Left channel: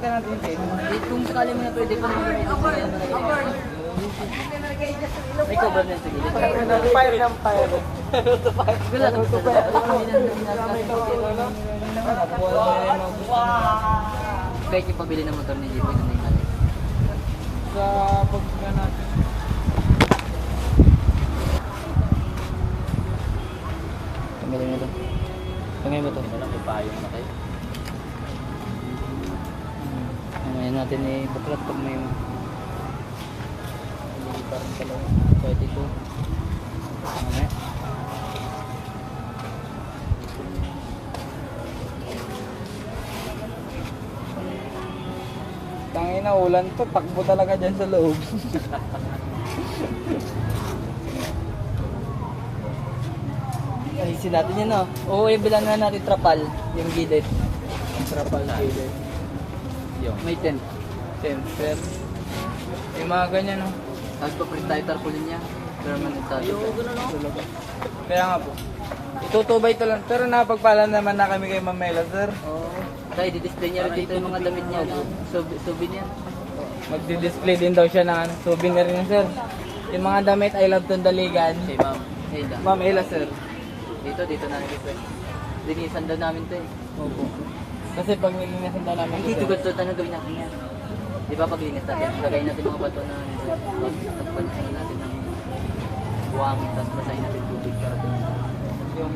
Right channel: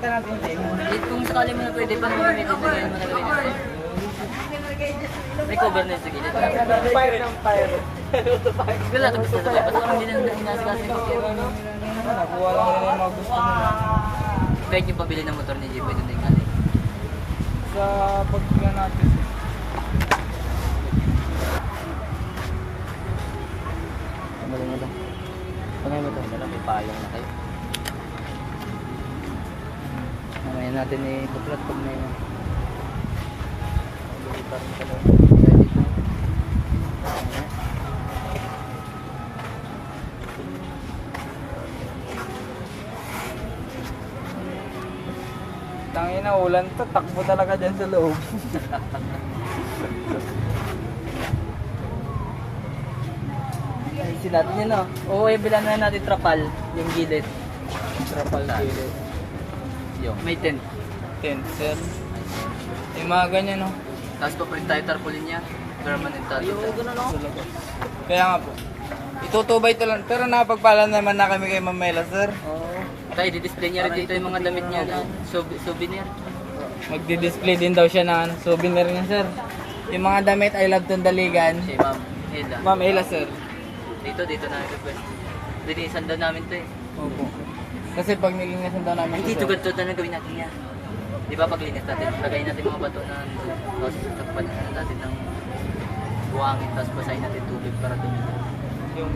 Palitan natin yung tayo. Kung sakali mo na pwede pa naman may may cover na sa gilid. Fire ng fire. Wala na gusto ko. Basta kung hindi na sinasakit. Nakuha lang nila yung mga gusto nila. Kahit yung pabili ng motor ni Jeep, pwede na yung galit. Sa pagkila natin. Pamili na lang. Pamili mo ito. Ito lang, ipayong na tayo. Mamaya natin baklat pag may hindi pa rin pala. Pwede ko. Tangina, ulan to. Takbo talaga dyan sa loob. Alisin natin yun, no? Oo, bilan na natin trapal. Yung gilid. Trapal kilo. May tent. Tensel. Yung mga ganyan, no? Tapos papalit tayo tarpaulin niya. Permanent tayo. Kaya nga po. Itutubay ito lang. Pero napagpala naman na kami kay Mamela, sir. Oo. Kaya i-display niya rin dito yung mga damit niya na souvenir. Magdi-display din daw siya ng souvenir niya, sir. Yung mga damit, I love Tondaligan. Kay Ma'am Eda. Ma'am Ella, sir. Dito na request. Linisan daw namin to eh. Opo. Kasi pag nilinisan daw namin. Hindi, tugat-tugat na gawin natin yan. Di ba pag linis natin, lagay natin mga bato na tapos takpan natin ng buhangin, tapos basahin natin tubig para doon yung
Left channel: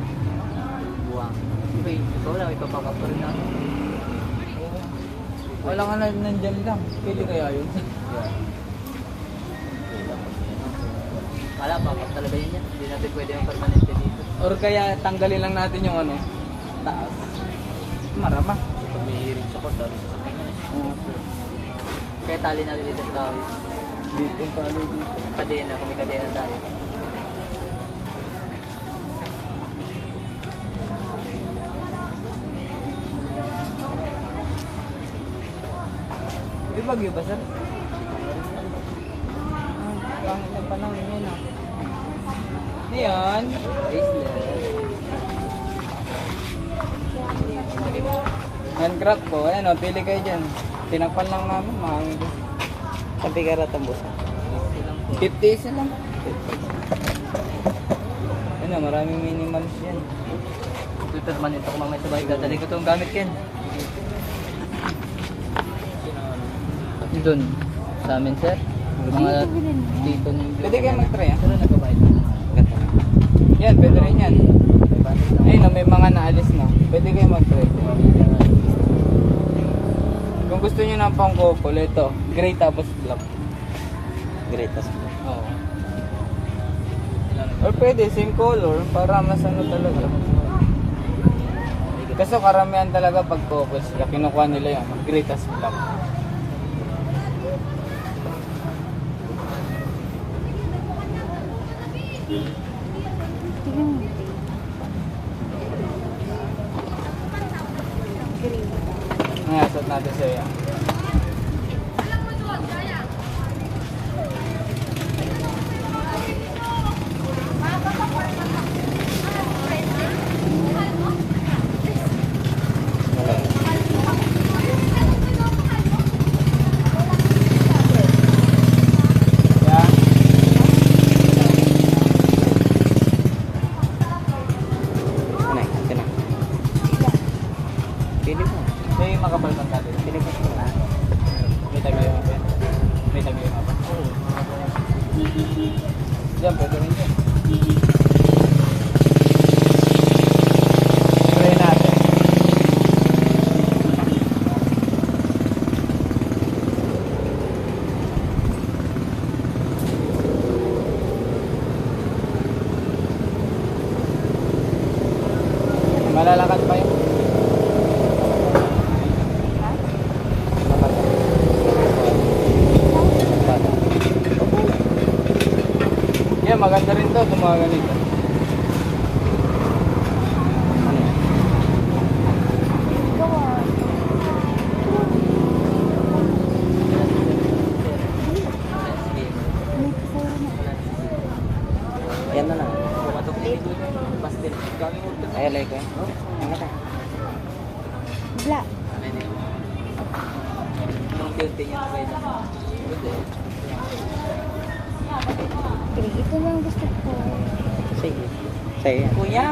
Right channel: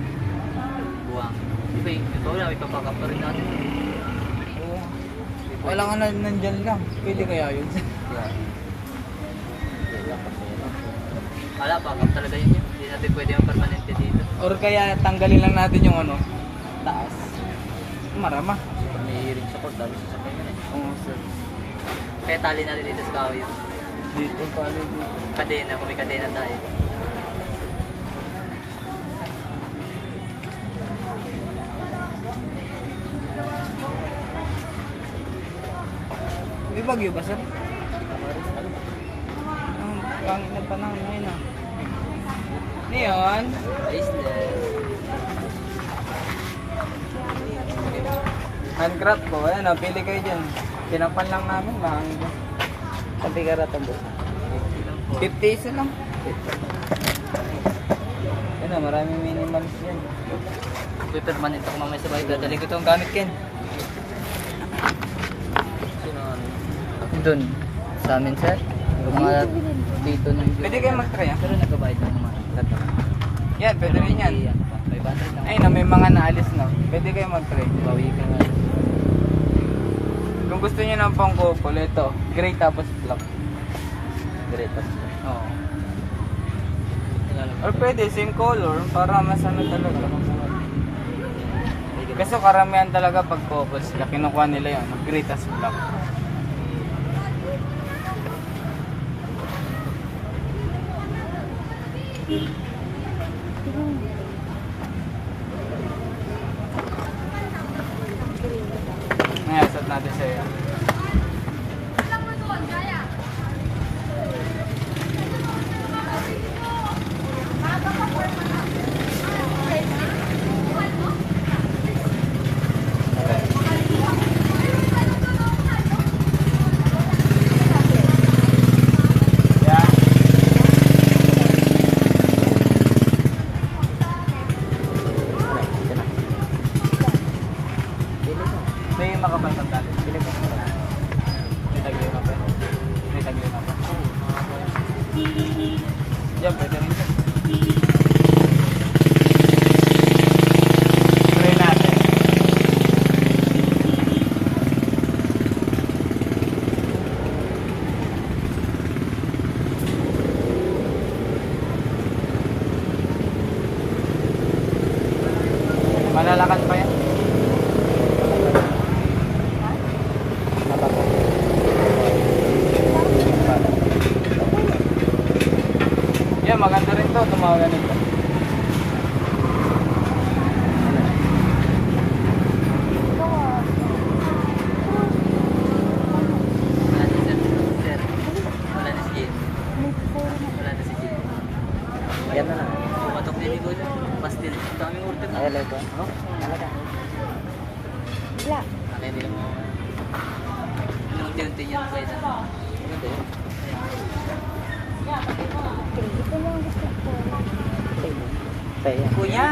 buhangin. Diba ito wala, ipapakap pa rin natin. Wala nga na nandyan lang. Pwede kaya yun? Wala, pakap talaga yun. Hindi natin pwede yung permanente dito. Or kaya tanggalin lang natin yung ano, taas. Marama. May hiring sa port, dali sa sabihin. Oo, sir. Kaya tali natin dito sa kahoy. Dito pa dito. Kadena, kung may kadena tayo. May bagyo ba, sir? Pangit na panahon ngayon, ah. Diyan. Island. Handcraft ko. Ayan, oh, pili kayo dyan. Tinapan lang namin. Mahangin ko. Sabi ka rata, boss. 50 isa lang. Ano, maraming minimalist yan. Tutod man ito kung mamaya sa bahay. Dadali ko itong gamit, Ken. Doon. Sa amin, sir. Mga dito ng... Pwede kayo mag-try, ah. Pero nagbabayad tayo. Yan, pwede rin yan. Ayun, no, may mga naalis, no. Pwede kayo mag-try. Kung gusto niyo ng pang couple, ito. Gray tapos black. Great. Oo. Or pwede, same color, para mas ano talaga. Kasi karamihan talaga pag couple sila, kinukuha nila yun. Gray tapos black. Ngayon, suot natin sa'yo. Yan. May makapalpan tayo. May tagli na ba? May tagli na ba? Oo. Diyan, pwede rin dyan. Tuloy natin. Malalakad pa yan. Yan, maganda rin to, itong mga ganito. Yan na lang. Pumatok din ito. Pastel. Kami ultim. Ay, like ko. Oh, Wala. unti-unti niya na kayo. Ito lang gusto ko. Sa'yo. Kuya!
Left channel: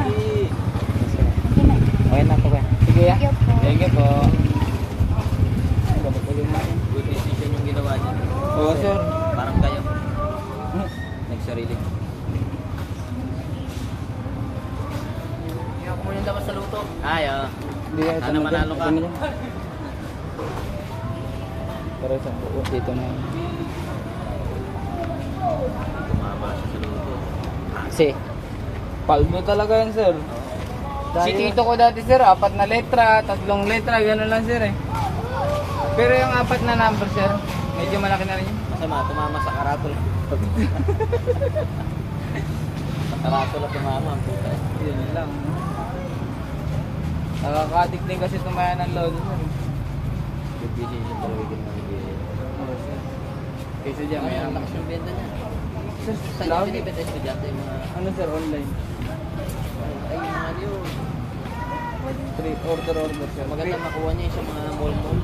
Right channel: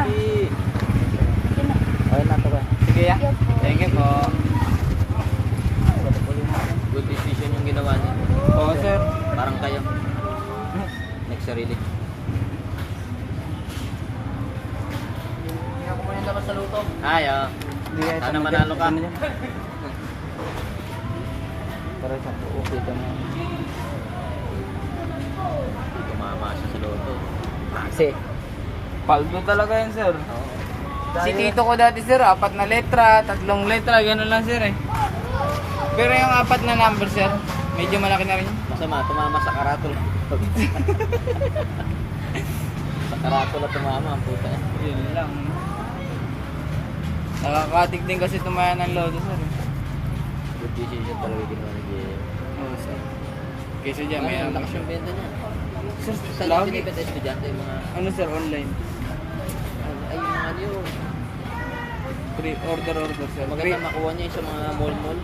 Okay na po ba? Sige ya. Thank you po. Thank you po. Good decision yung ginawa niya. Oo sir. Parang kayo. Nagsarili. Kumain ako sa lupa. Ay, Hindi kaya ito Sana na dyan. manalo ka. Ito na dyan. Para sa buo. Dito na. Tumama siya sa lupa. Kasi, paldo talaga yan sir. Si Tito ko dati sir, 4 na letra, 3 letra, gano'n lang sir eh. Pero yung 4 na number sir, medyo malaki na rin yun. Masama, tumama sa karatol. Sa karatol na tumama ang puta. Yun lang. Nakakatig din kasi tumaya ng lodo sir. Good decision talaga ginawa ni Jay. Oo sir. Kaysa dyan may Ang lakas yung benta niya. Sir, Saan lagi. yung binibenta estudyante? Yung mga... Ano sir, online? Ay, yung mga yun. Order sir. Maganda makuha niya yung sa mga mall-mall.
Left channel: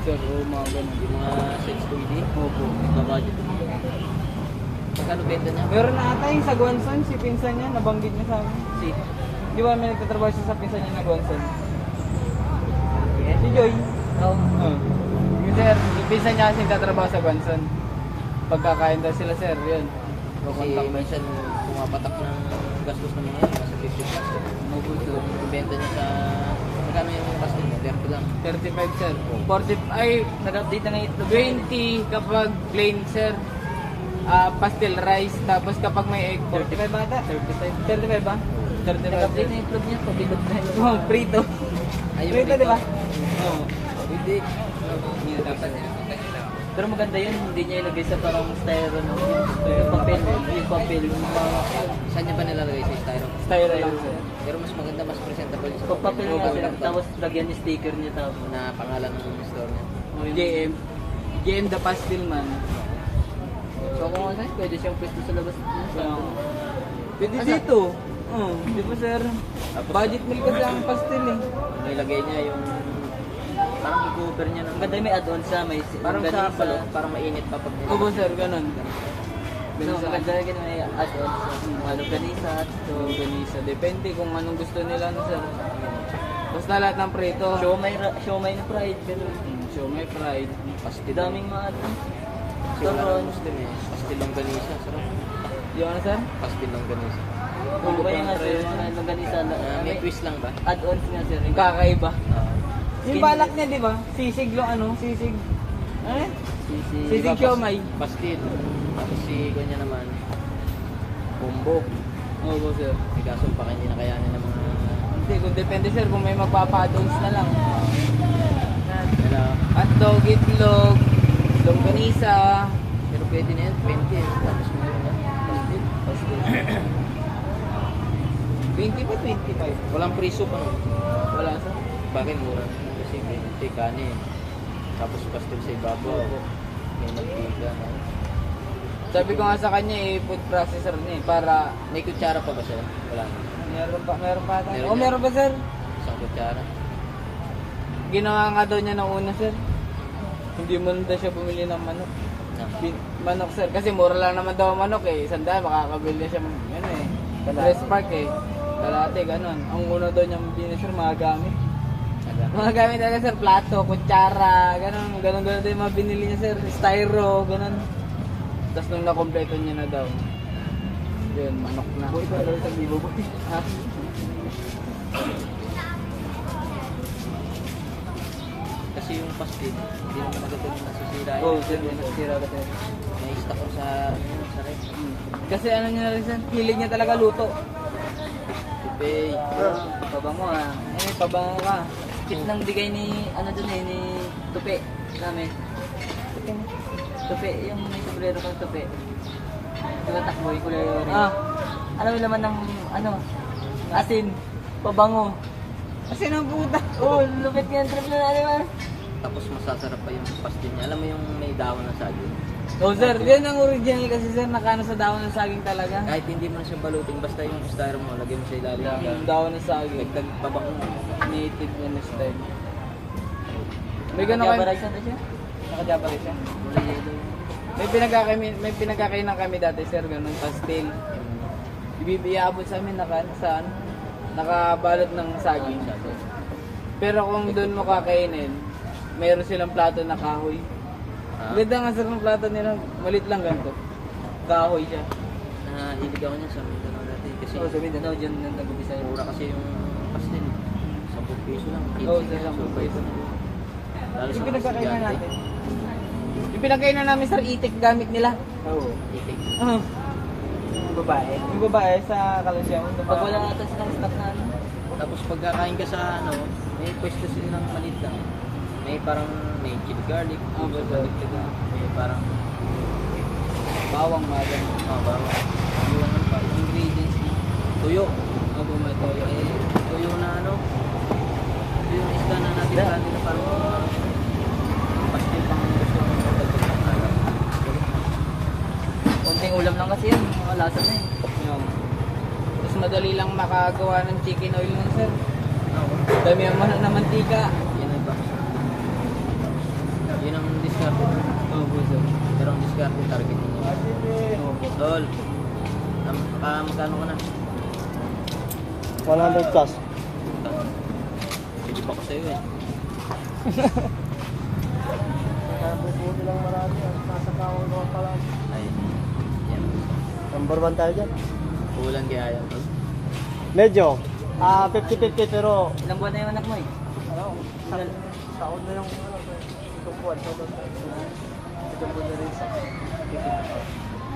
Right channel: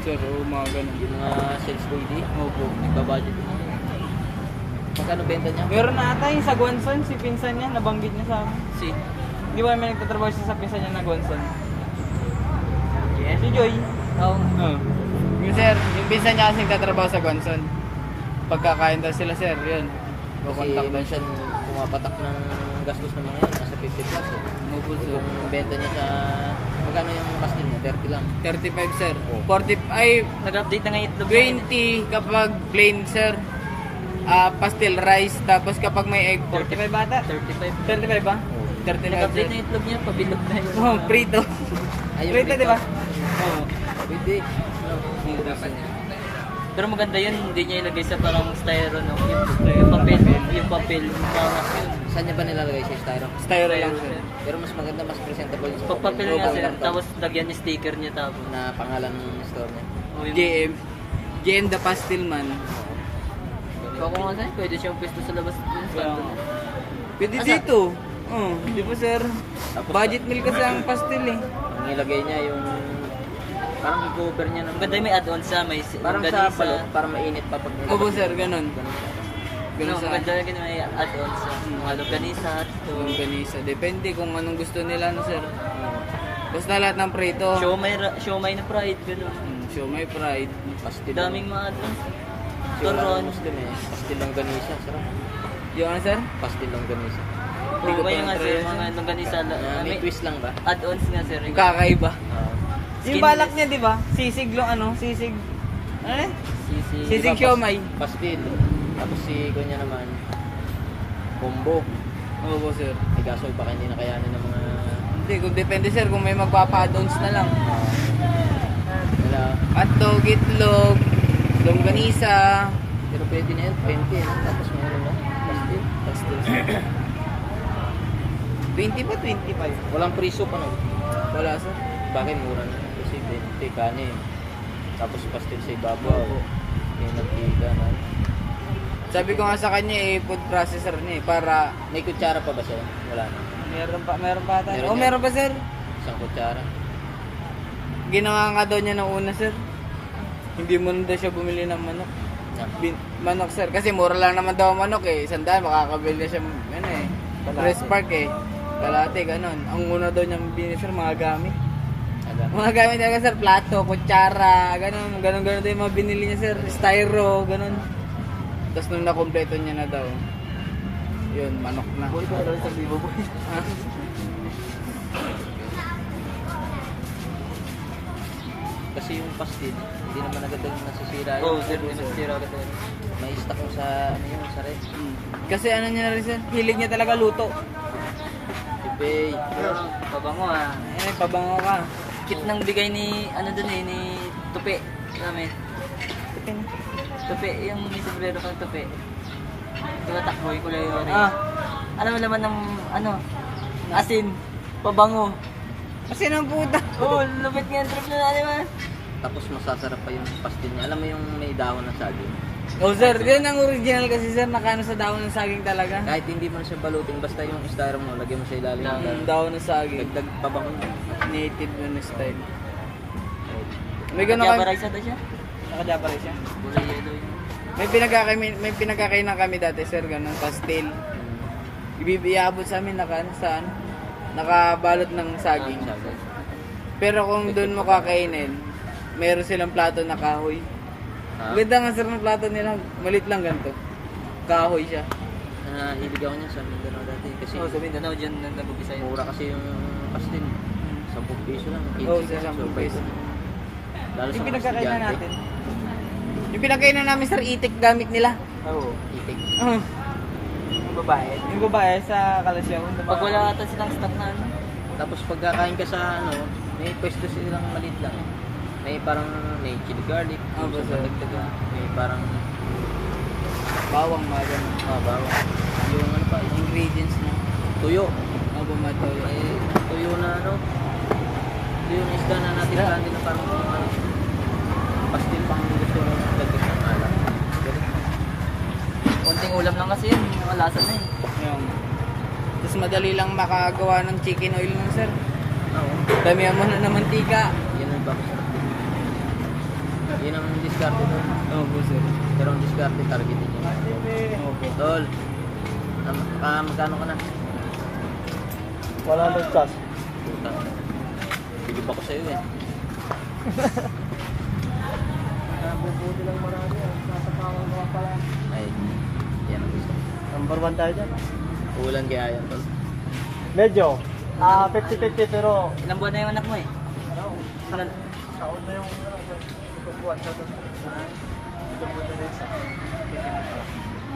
Sir, o mga ganun. Yung mga sales OED. Opo. Nagba-budget. Magkano benta niya? Meron na ata yung sa Guansan, si pinsan niya, nabanggit niya sa amin. Si. Di ba may nagtatrabaho siya sa pinsan niya na Guansan? Si Joy. Oh. Yung sir, yung pinsan niya kasi nagtatrabaho sa Guansan. Pagkakain daw sila sir, yun. Kasi minsan pumapatak ng gastos ng mga yan. Nasa 50 plus. Opo sir. Yung benta niya sa... Magkano yung lakas niya? 30 lang. 35 sir. 40, ay, Nag-update na ngayon. 20 kapag plain sir. Pastel rice, tapos kapag may egg, 45 bata? 35. 35 ba? 35 Nag-update na sir. itlog niya. Pabilog na yun. Oh, prito. Ayun, Prito, di ba? Hindi. Pero maganda yun, hindi niya ilagay sa parang styro no? Yung papel, yung papel, yung mga yun. Saan niya ba nilalagay sa styro? Styro lang sir. Pero mas maganda, mas presentable. Pag papel Oo, nga sir, ganda. tapos lagyan niya sticker niya tapos na pangalan ng store niya. JM. JM the Pastel Man. So kung ano sa'yo, pwede siyang pwesto sa labas. Pwede Asa? dito. Oh, di ba sir? Budget meal kasi ang pastel eh. Nilagay niya yung parang i-cover niya. Ang ganda may add-on sa may Parang ganisa. sa palo. Parang mainit pa pag Opo sir, ganun. Ganun No, sa maganda rin may add-on sa mga ganisa. organisa. Depende kung anong gusto nila no sir. Basta lahat ng prito. Siomay na pride, gano'n. Show my pride. Pastil. Daming mga add-on. Turon. Pastil lang ganisa. Sarap. Yung ano sir? Pastil lang ganisa. Hindi ko Kung pa nga na-try sir, yan. mga longganisa. May twist lang ba? Add-ons nga sir. Kakaiba. Skin- Yung balak niya di ba? Sisig yung ano? Sisig. Eh? Sisi. Sisig siomay. Pastil. Tapos si Gonya naman, combo. Opo sir. May kaso baka hindi na kayanin ng mga... Hindi, kung depende sir kung may magpapa-add-ons na lang. Wala. Hotdog, itlog, longganisa. Pero pwede na yan, 20. Tapos may pastil. Pastil. 20 pa, 25. Walang free soup ano? Wala sir. Bakit mura? Kasi 20 kanin. Tapos pastil sa ibabaw. Yung nagtiga no? Sabi ko nga sa kanya food processor niya para May kutsara pa ba siya? Wala na. meron pa ata. Meron Oh, yan. meron pa sir. Isang kutsara. Ginawa nga daw niya ng una sir. Hindi mo na daw siya bumili ng manok. Manok sir, kasi mura lang naman daw ang manok eh. Sandaan, makakabili siya ano eh. Press park eh. Kalate, ganun. Ang una daw niyang binili sir, mga gamit. Aga. Mga gamit talaga sir, plato, kutsara, ganun daw yung mga binili niya sir. Styro, ganun. Tapos nung nakompleto niya na daw, yun, manok na. Kasi yung pastil, hindi naman agad yung nasisira. Oo, sir, may nasira agad tayo. May stock ko sa, ano, sa ref. Kasi ano niya na rin sir, hilig niya talaga luto. Sipay. Pabango ah. Eh, pabango ka. Kit nang bigay ni, ano dun eh, ni Tupi. Namin. Tupi, yung may sombrero kang Tupi. Kaya takboy, kulay orange. Ah, Alam mo naman ng, ano, asin, pabango. kasi nang puta. Oo, lupit nga yung trip na natin man. Tapos masasarap pa yung pastil niya. Alam mo yung may dahon ng saging. Oh sir, yun ang original kasi sir, nakano sa dahon ng saging talaga. Kahit hindi mo na siya balutin, basta yung styro mo, lagyan mo sa ilalim. Yung dahon ng saging. Dagdag pabango. Native na style. May ganun Java kayo. rice ata siya? Nakadya pa rin siya. Kulay yellow yung... May pinagkakainan kami dati sir, ganun, pastel. Iabot sa amin saan? Nakabalot ng saging. Pero kung doon mo kakainin, meron silang plato na kahoy. Ganda nga sir ng plato nila, malit lang ganito. Kahoy siya. Hilig ako niya sa Mindanao dati. Kasi sa Mindanao, dyan nag-ubisa yung Mura kasi yung pastil. 10 piso lang. Oo, sa 10 peso. Lalo Yung sa pinagkakainan estudyante. natin. Yung pinagkainan namin sir, itik gamit nila. Oo, itik. Yung babae. Yung babae sa Kalasyaw. Pag wala ata silang stock na ano, Tapos pagkakain ka sa ano, may pwesto silang maliit lang. May parang may chili garlic. Opo, sir. May parang Bawang nga yan. bawang. Yung ingredients tuyo. Opo, may toyo. Tuyo na ano. Tuyo na isda na natin kanin parang pastil pang gusto mo dagdag. konting ulam lang kasi yan, malasa na eh. Yan. Tapos madali lang makagawa ng chicken oil nun sir. Damihan mo na ng mantika. Yan ang ba? Yan ang discard. Opo sir. Pero ang discard target niya. Tol. Magkano ka na? 100 plus. Hindi pa ko sa'yo eh. Nakabubuti lang marami. Nasa kawang gawa pala. Ay, yan. Number 1 tayo dyan. Kulang kaya yan. Tol. Medyo. 50-50 pero Ilang buwan na yung anak mo eh? ano, taon na yung itong buwan sa doon. Itong buwan na rin sa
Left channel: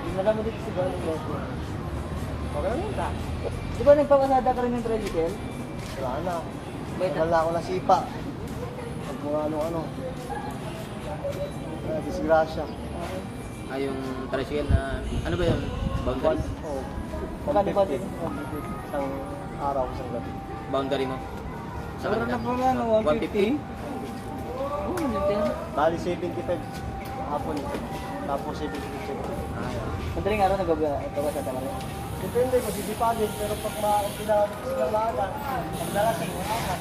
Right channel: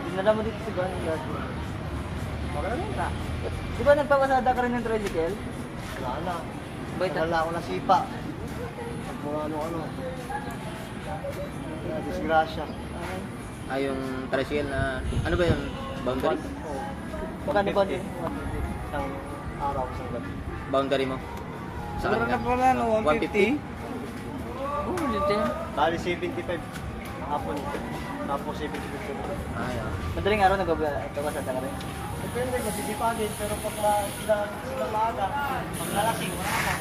Dinala mo dito sa galing gato. okay lang ta. Di ba nagpapasada ka rin ng tricycle? Wala na. Ba't- Wala ako na sipa. Pag mga ano-ano. Disgrasya. Yung tricycle na, ano ba yun? Boundary? Oh. Magkano ba 150. din? Isang araw, isang gabi. Boundary mo? Sa Sarap na pala no, 150. Oo, yun din. Bali 75 hapon. Tapos 75. Madaling araw nagpapasada ka rin. Depende, masisipagin. Pero pag kinakit sila maaga, pag nalasing, wala na.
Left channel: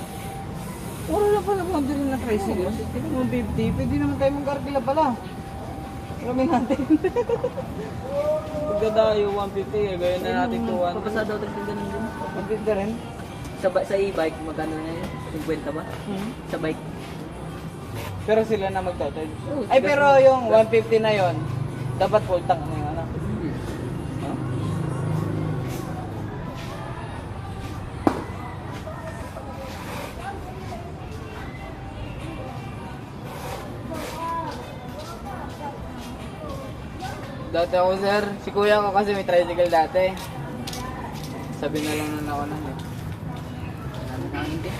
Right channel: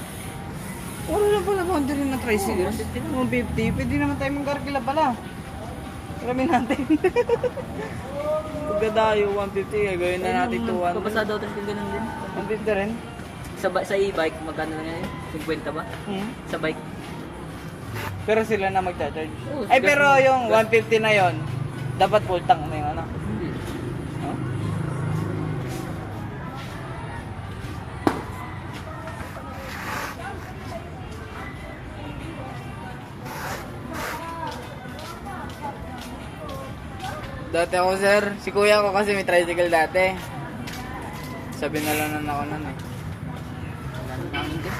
Puro lang pala boundary ng tricycle. 150. Pwede naman tayo magkarkila pala. Alamin natin. Pagkadayo 150, gawin na natin 200. Papasada ako din ganun din. 150 rin. Sa e-bike, magkano na yun? 50 ba? Sa bike. Pero sila na magcha-charge. Oo, Ay gas pero mo. yung 150 na yon, dapat full tank na yung ano. Dati ako sir, si kuya ko kasi may tricycle dati. Sabi na lang na ako nun eh.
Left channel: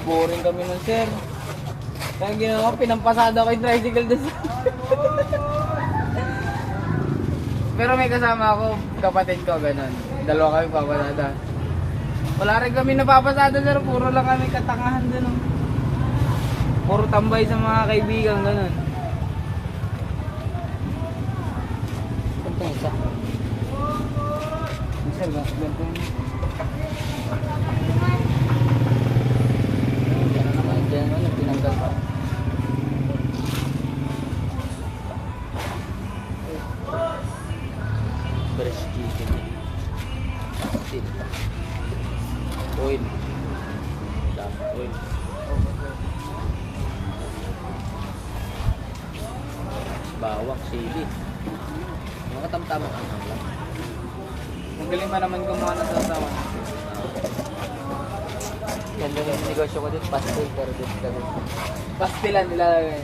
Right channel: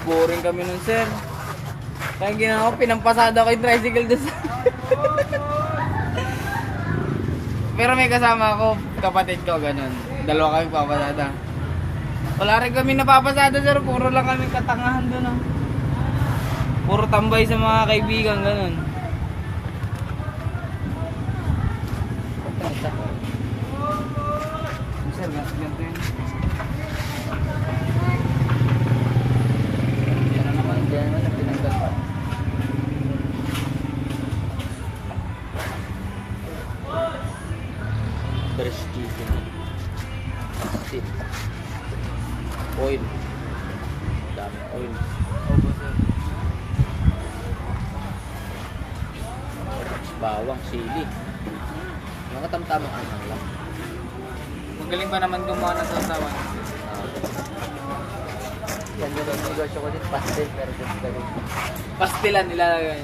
Boring kami nun sir. Kaya ginawa ko, pinampasada ko yung tricycle doon. Pero may kasama ako, kapatid ko, ganun. Dalawa kami papasada. Wala rin kami napapasada sir, puro lang kami katangahan doon. Oh. Puro tambay sa mga kaibigan, ganun. Isa. Sir, ganito yun. Yan na naman, yan naman, tinanggal pa. Breast chicken. Pastil. Oil. Dam oil. Bawang, sili. Mga katamtamang ano lang. Magaling pa naman gumawa ng sasawan. Yan din ang negosyo ko din, pastel, pero dito gawin. Pastilan nilalagay.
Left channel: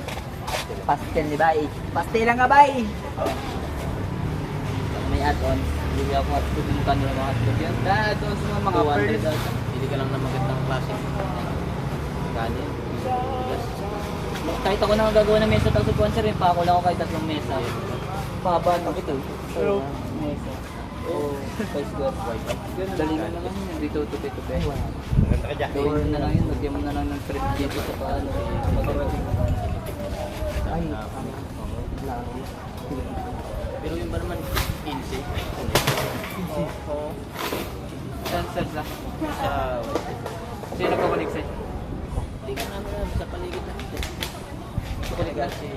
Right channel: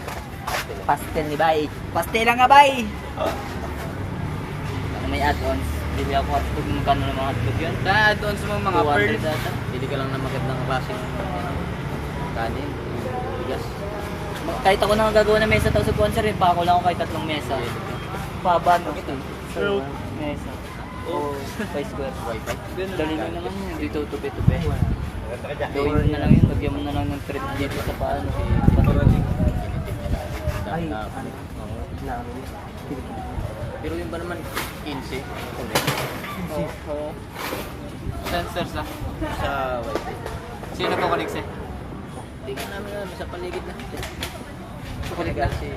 Pastel ni Bay. Pastel nga Bay! May add-ons. Bili ako hotdog, magkano ng mga hotdog yun? Doon sa mga 200 pearls. ata. Hindi ka lang namakit ng klaseng kanin. Bigas. Kahit ako na gagawa ng mesa tapos sponsor rin pa ako lang ako kahit 3 mesa. Paba bakit eh? True. Mesa. Oh, 5 square. Dali na naman yun. Dito tupi-tupi. Maganda ka dyan. Gawin mo na lang yun, lagyan mo na lang ng thread dito sa paan. Ay, pero yung ba naman 15? Oo. Sensor sa. Sa Sino po kaligsi? tingnan namin sa paligid natin. Sa paligid. Kasi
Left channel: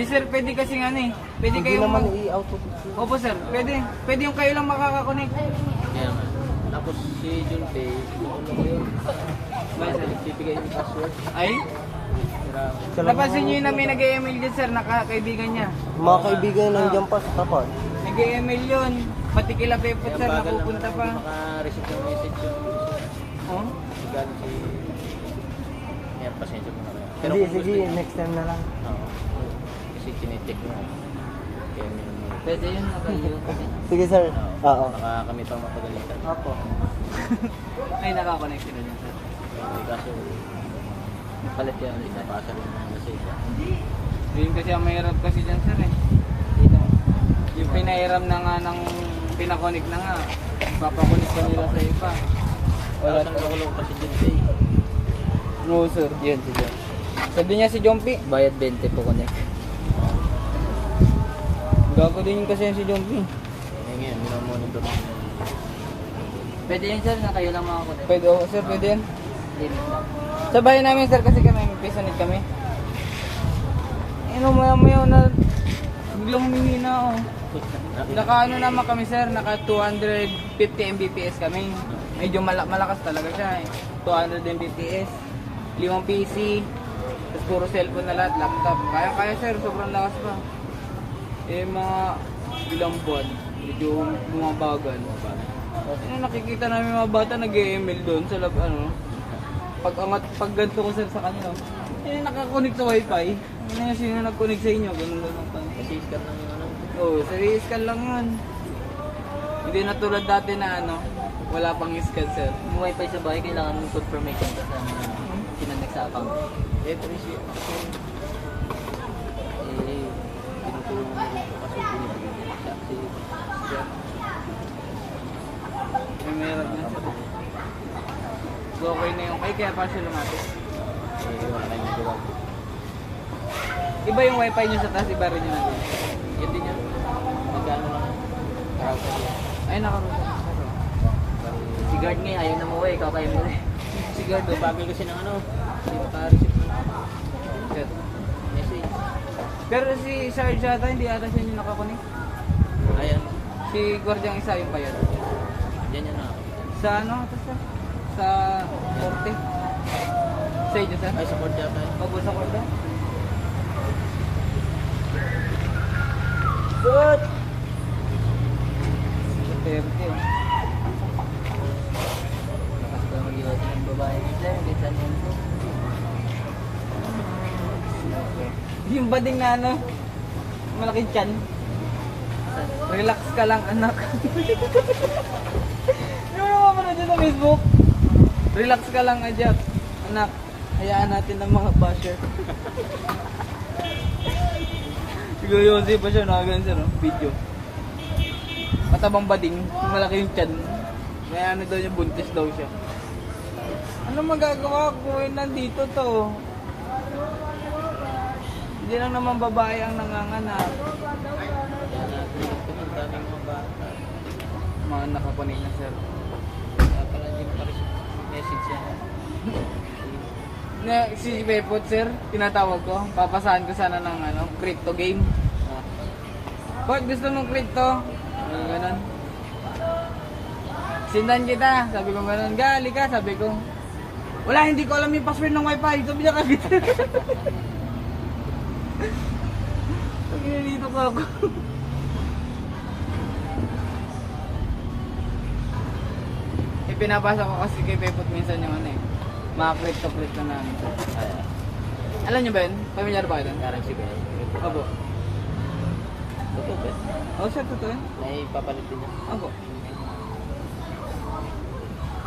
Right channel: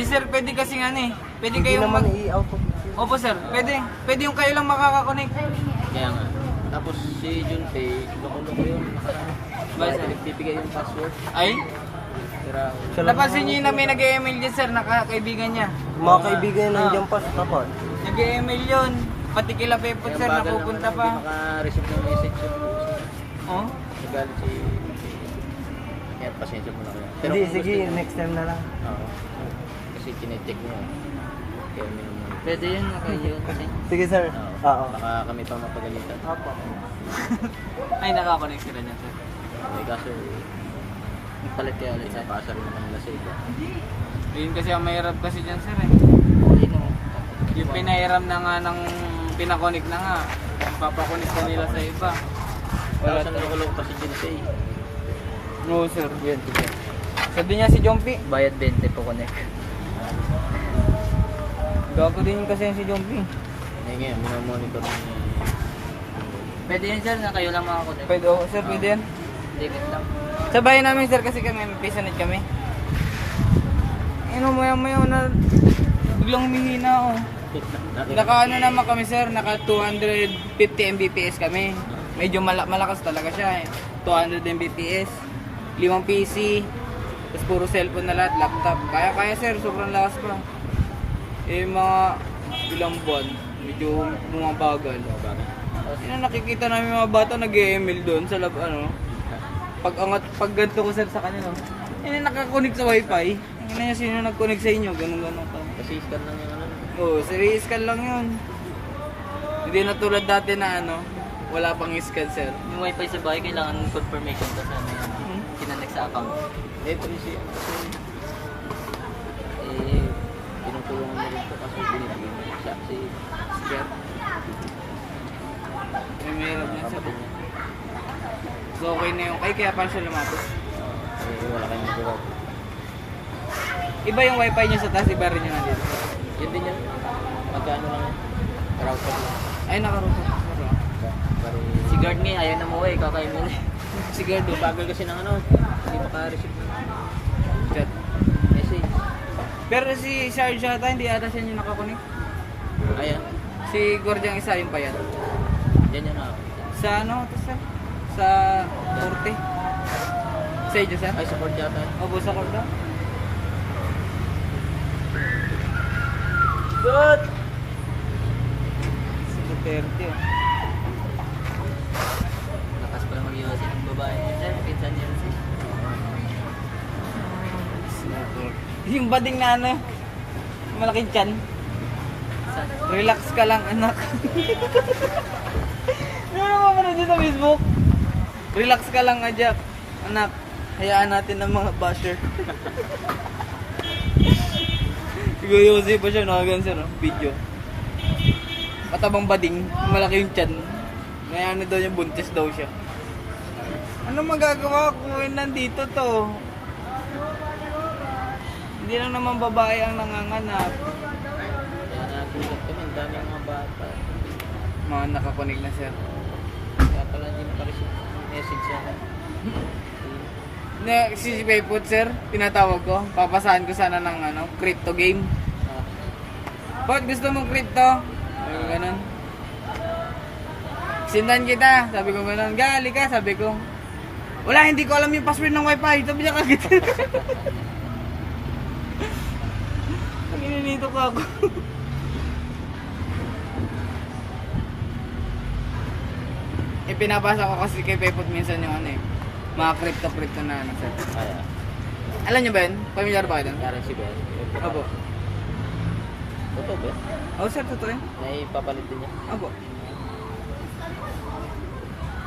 Di sir, pwede kasi nga eh. Pwede Hindi kayo naman mag... i-output. Opo sir, pwede. Pwede yung kayo lang makakakonect. Kaya nga. Tapos si Junpei, nakulong ko yun. Ba, sir? Bibigay yung password. Ay, Pero, napansin nyo yun na may nag-email dyan sir, nakakaibigan niya. Mga kaibigan na nandiyan pa sa kapal. Nag-email yun. Pati kila Pepot sir, napupunta pa. Maka-receive ng message yung Oh? Galing si... Kaya pasensya mo na kaya. Hindi, kung sige, gusto niya- next time na lang. Oo. Kasi kinetik niya. Kaya Pwede yun, nakayo. Sige sir. Oo. baka kami itong mapagalitan. Opo. Ay, nakakonect sila dyan sir. Okay, kaso palit yan, isa pasar yung mga lasing. Yun kasi ang mahirap kasi dyan sir eh. Hindi lang. Yung pinahiram na nga ng pinakonik na nga. Papakonik na nila sa iba. Wala sa nakulong kasi Junpei. Oo sir. Yun, sige. Sabi niya si Jompi. Bayad 20 po connect. Gago din kasi yan si Jompi. Eh ngayon, minamonitor ng... Pwede yun sir na kayo lang makakonect. Pwede, oh, sir, pwede yan. Limit lang. Sa bahay namin sir kasi kami, may pisanit kami. Ano maya na biglang humihina oh. Naka ano naman kami sir, naka 250 Mbps kami. Medyo malakas talaga siya eh. 200 Mbps, 5 PC, tapos puro cellphone na lahat, laptop. Kaya sir, sobrang lakas pa. Eh mga ilang buwan, medyo bumabagal. Yun ang nakikita namin mga bata nag-email doon sa lab, ano. Pag ganito ko sir sa kanila, yun nakakonect sa wifi. Hindi na sino nag-connect sa inyo, ganun lang ito. Kasi scan na yun. Oo, serious scan lang yun. Hindi na tulad dati na ano, wala pang scan sir. Yung wifi sa bahay, kailangan ng confirmation kasi kinonect sa account. Eh, kasi tinutulungan mo dito kasi binibigyan mo siya. May mahirap na sir. So okay na yung, ay kaya pa siya lumapit. Wala kayong nagawa. Iba yung wifi niya sa taas, iba rin niya nandito. Yun din yan. Magkano lang yan? Karauta lang. Ay nakarunod. Si guard nga, ayaw na mo kakain mo rin. Si Gardo. Sabi kasi ng ano, hindi naka-receive. Chat. Message. Pero si Sarge ata, hindi ata siya yung nakakunik. Ayan. Si Guardiang isa yung payat. Yan yan na. Sa ano ito sir? Sa Norte. Sa inyo sir? Ay, support yata. Opo sa Kordo? Good! 30 oh. Lakas pa mag-iwas ng babae niyo sir, kita niyo. Yung bading na ano, malaking tiyan. Relax ka lang anak. Yung mapanood dito sa Facebook. Relax ka lang Jack. Anak, hayaan natin ng mga basher. Siguro Jose pa siya nakagan sa no? Video. Matabang bading, malaki yung tiyan. May ano daw yung buntis daw siya. Ano magagawa ko kung nandito to? Hindi lang naman babae ang nanganganak. Yan na, pulit kami. Ang daming mga bata. Mga nakakunig na sir. Kaya pala hindi naka-receive message yan. Si Paypot sir, tinatawag ko. Papasahan ko sana ng ano, crypto game. Pot, gusto mong crypto? Sabi ko ganun. Sindan kita. Sabi ko ganun. Gali ka, sabi ko. Wala, hindi ko alam yung password ng wifi. Sabi niya kagad. Ang ininito ko ako. Pinabasa ko kasi kay Paypot minsan yung ano eh. Mga crypto na ano sir. Kaya, Alam niyo ba yun? Pamilyar ba kayo doon? parang si Bel. Abo. Totoo ba? Oh sir, totoo yun. Naipapalit din niya. Abo.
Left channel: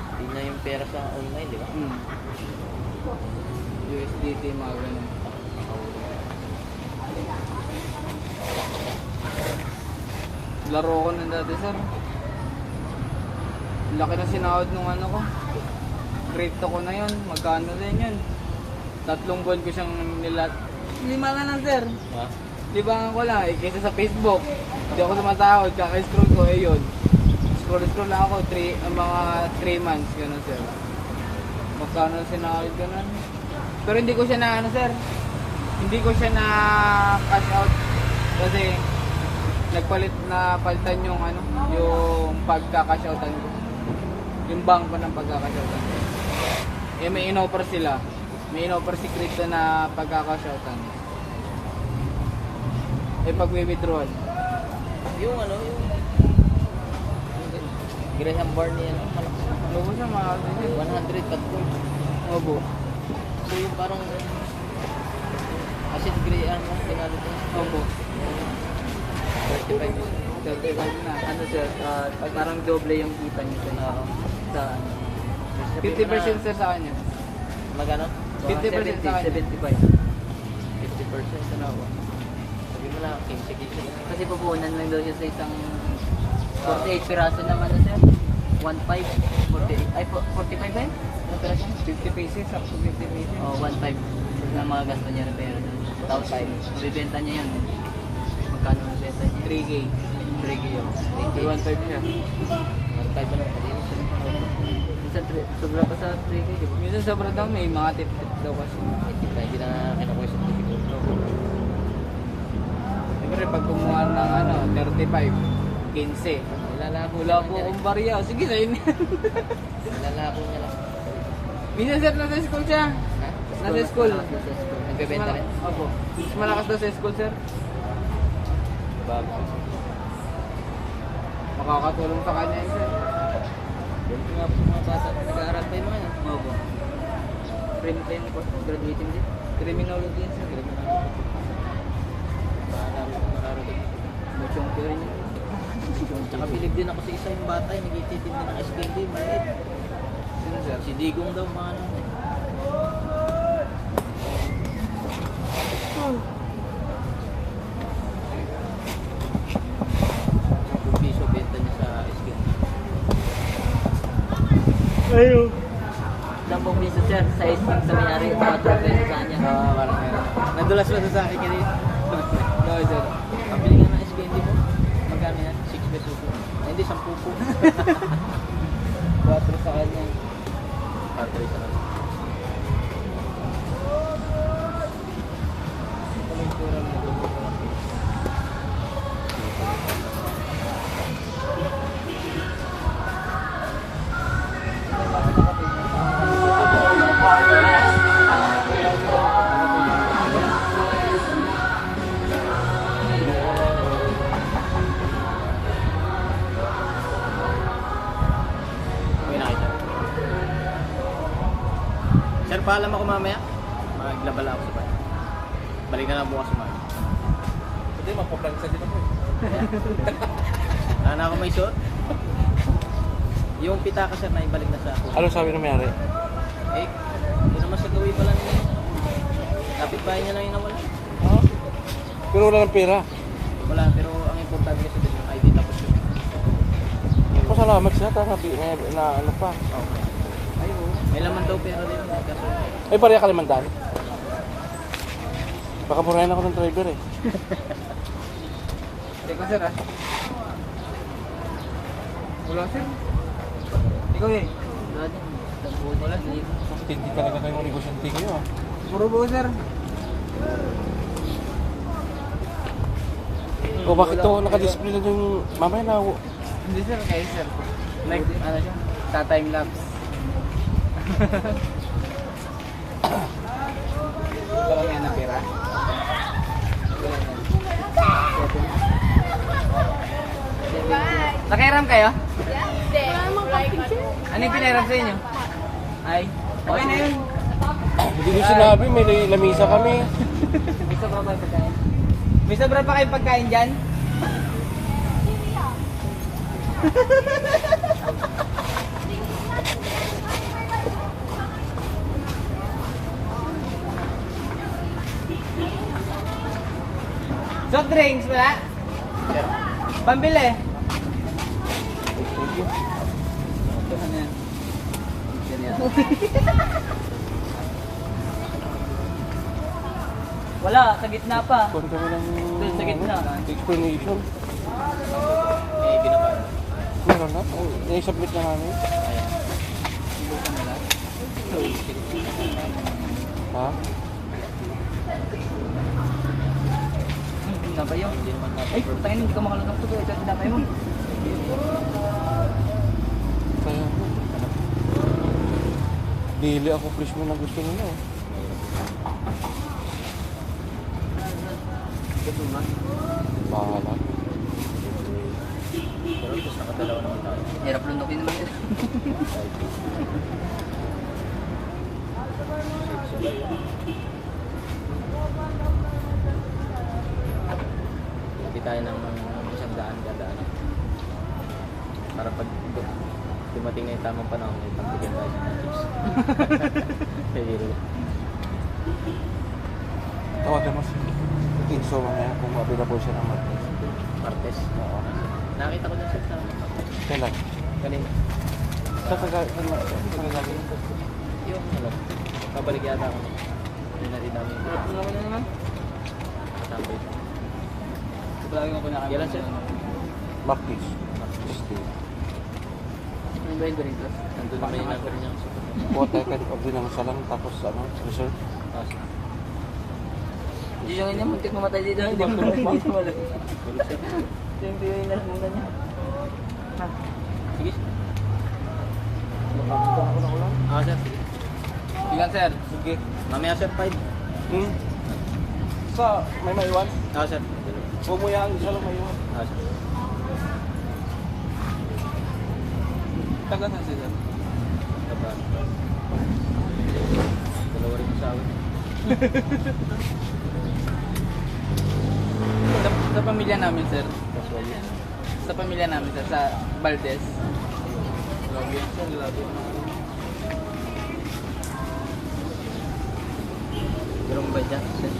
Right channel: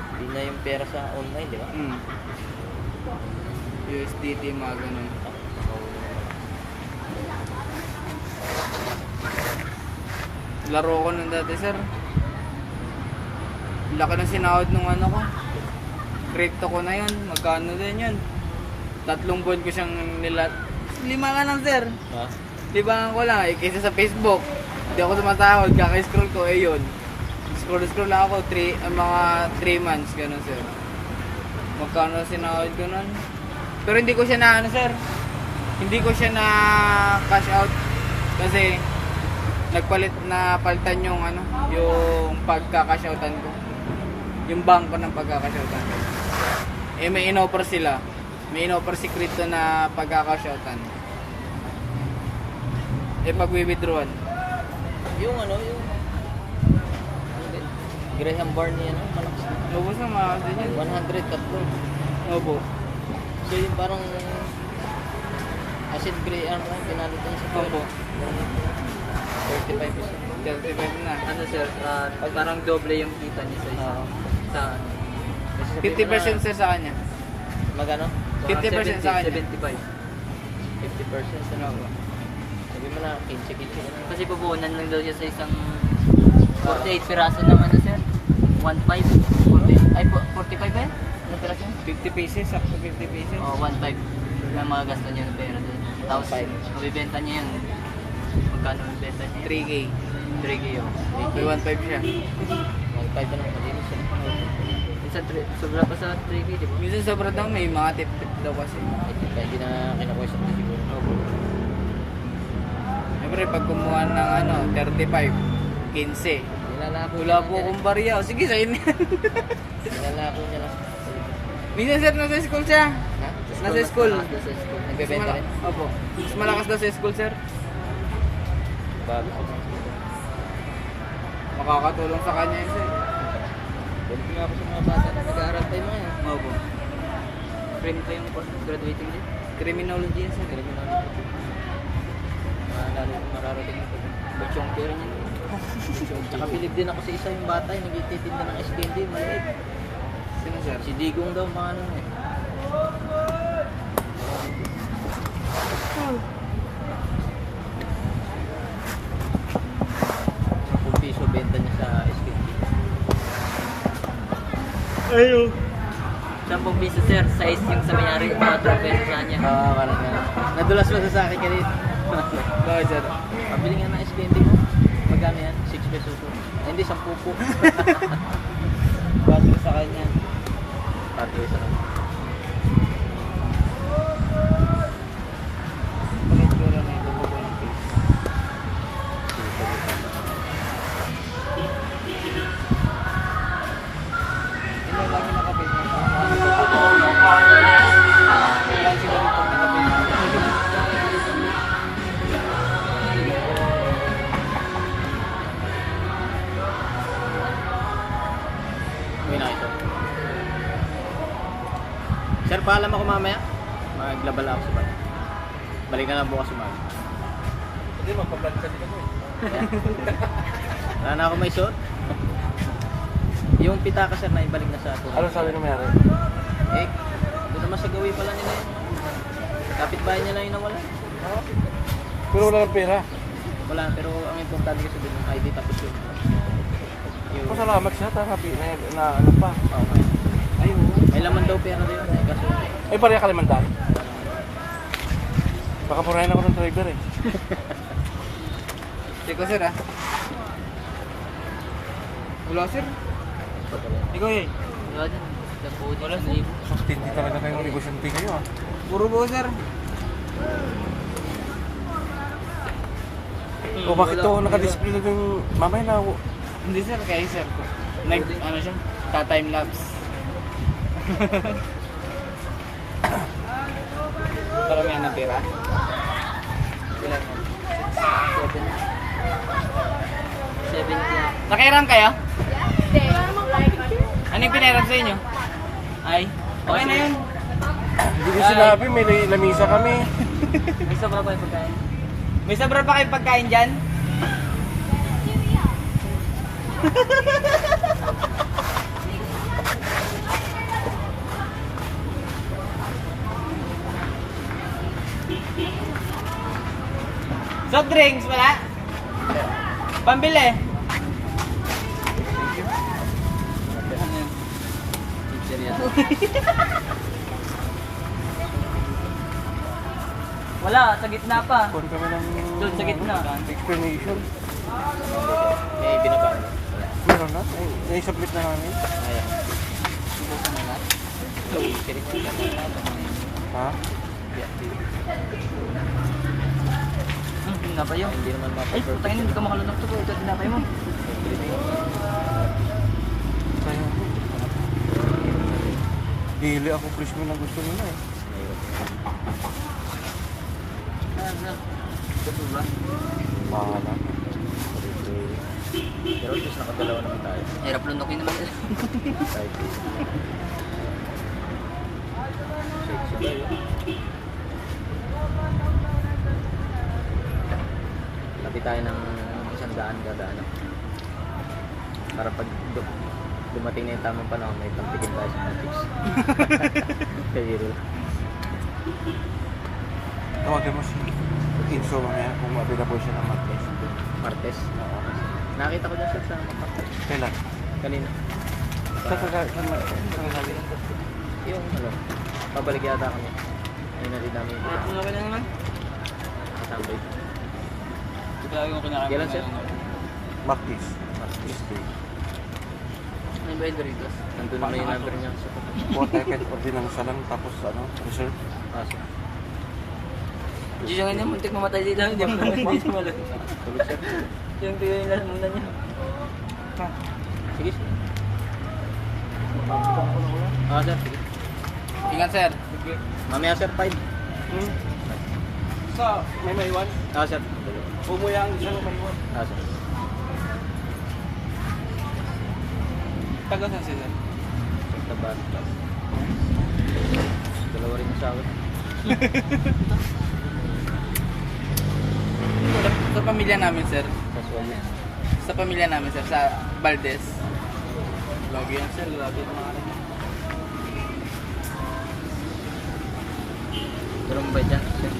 Hindi na yung pera sa online, di ba? USDT, mga ganun. Laro ko ng dati sir. Laki na sinahod nung ano ko. Crypto ko na yun. Magkano din yun? 3 buwan ko siyang nilat. 5 nga lang sir. Ha? 5 ko lang eh. Kaysa sa Facebook. Hindi ako sumasahod. Kaka-scroll ko eh yun. Scroll lang ako. Mga 3 months. Ganun sir. Magkano sinahod ko nun? Pero hindi ko siya na ano sir. Hindi ko siya na magka-cash out kasi nagpalit na palitan yung ano, yung pagka-cash outan ko. Yung bangko ng pagka-cash outan. Eh may in-offer sila. May in-offer si Crypto na pagka-cash outan. Eh pag-withdrawal. Yung ano, yung Graham Barney, ano, Opo sir, mga ganyan. 100 cut gold. Opo. So yung parang acid gray, ano, penalty sa Opo. 45%. 35 na. Ano sir, parang doble yung kita niya sa 50% sir sa kanya. Magano? 50% sa kanya. 75. 50%. Ano? Sabi mo na, 15. Kasi pupunan lang daw siya sa isang 48 piraso ng ano sir? 1.5. 40, ay 45 ba yun? Ano piraso? 50 pieces, up to 50 pieces. O 1.5 na mga gasto niya ng pera. Tapos mabibenta niya yung magkano mabibenta niya? 3K. 3K yun. 1.5 siya. 5 na Minsan sobra pa sa 3K, di ba? Minsan sa pradang may mga tip-tip daw kasi. Hindi na kinakwesyon na siguro. Siyempre pag kumuha ng ano, 35, 15. Nilalako Wala po akong bariya. O, sige, sa inyo. Nilalako niya lang. Minsan sir, nasa school siya. Ha? Nasa school. Nagbebenta rin? Opo. Mas malakas daw sa school sir. Bago. Makakatulong sa kanya yun sir. Doon ko nga po sa mga bata na nag-aaral tayo mga yan. Opo. Graduating din. Criminology yun sir. Nakarating. Buchong pero niya. Nakabilib din ako sa isang bata yung nagtititinda ng SKD. Maliit. Sino sir? Si Digong daw mga ano. Piso benta niya sa SKD. 10 piso sir, size yung sa mayari, mga 2 pesos sa kanya. Parang nadulas lang sa akin kanina. Bakit sir? Pabili nga ng SKD mo. Magkano yan? 6 pesos po. Ay, hindi, 10 po. 4 sa kanya. 4 sa kanya. Okay na ito. Sir, paalam ako mamaya. Maglabal ako sa bahay. Balik na lang bukas sa mga. Hindi, magpapansa din ako. Wala na ako may suot. Yung pitaka sir na ibalik na sa ako. Ano sabi ng mayari? Eh, doon naman sa gawin pala nila yun. Kapit-bahay niya na yun nawala. Pero wala ng pera. Wala, pero ang importante kasi din yung ID tapos yun. Yung, Pasalamat siya, tatapi na ano pa. ayun, may laman daw pera din. Kaso, Ay, pareha Kalimantan. Baka purahin ako ng driver eh. Hindi ko sir ah. Wala sir. Ikaw eh. Wala din, lambuod wala din. Hindi talaga kayong negosyante kayo ah. Puro buo sir. O bakit to nakadisplay na yung mamaya na Hindi sir, kaya sir. Ano siya? Ta-time lapse. Para may natira. Nakairam kayo? Ano yung pinairam sa inyo? Ay, okay na yun. hindi ko sinabi, may lamisa kami. May sobra ba yung pagkain? May sobra pa kayong pagkain dyan? Soft drinks wala? Pambili. Thank you. Wala, sa gitna pa. Kuhan kami ng Doon sa gitna. explanation. eh, binaba. Meron na? Ay, submit na namin. Ayan. Ha? tinapay yun. Hindi naman Ay, mapapay. putangin, hindi ka makalunok to. Ito, tinapay mo. Kaya ko. Dili ako Chris mo na gusto nila eh. Bahala. Pero just nakadalawa naman tayo. Hirap lunokin naman sir. Lagi tayo ng 100 kada ano. Para pag dumating na yung tamang panahon, may pagtigil tayo sa tips. Kaya lang. Tawagan mo si Kinso mamaya kung available siya ng Martes. Martes. Oo. Nakita ko dyan sir sa Kailan? kanina. Sa kagagawin. Yung ano, pabalik yata kami. Hindi na din namin. Tinapay na naman. Sabay. Ito lagi yung kinakain. Kailan, sir? Martes. Tuesday. Ano ba yung Doritos? Nandun naman yung number niya. Buat tayo kahit ordinansa lang tapos ano, reserve. Kasi, Hindi siya ngayon muntik mamatay dito. Hindi mo hindi mo alam. sige sir. Ito yung pinilas muna niya. Sige sir. Makakita ako na ulan. Sir. Sige. Ingat sir. Sige. Mamaya sir, 5. Sa may maiwan. Sir. Bumuyang isa lang maiwan. Sir. Taga saan sir? Kapag. Dalawa rin sa akin. Sa pamilya namin sir. Casual yan. Sa pamilya namin sir. Sa Valdez. Lagi yan sir. Lagi. Tulong ba dyan? Sir.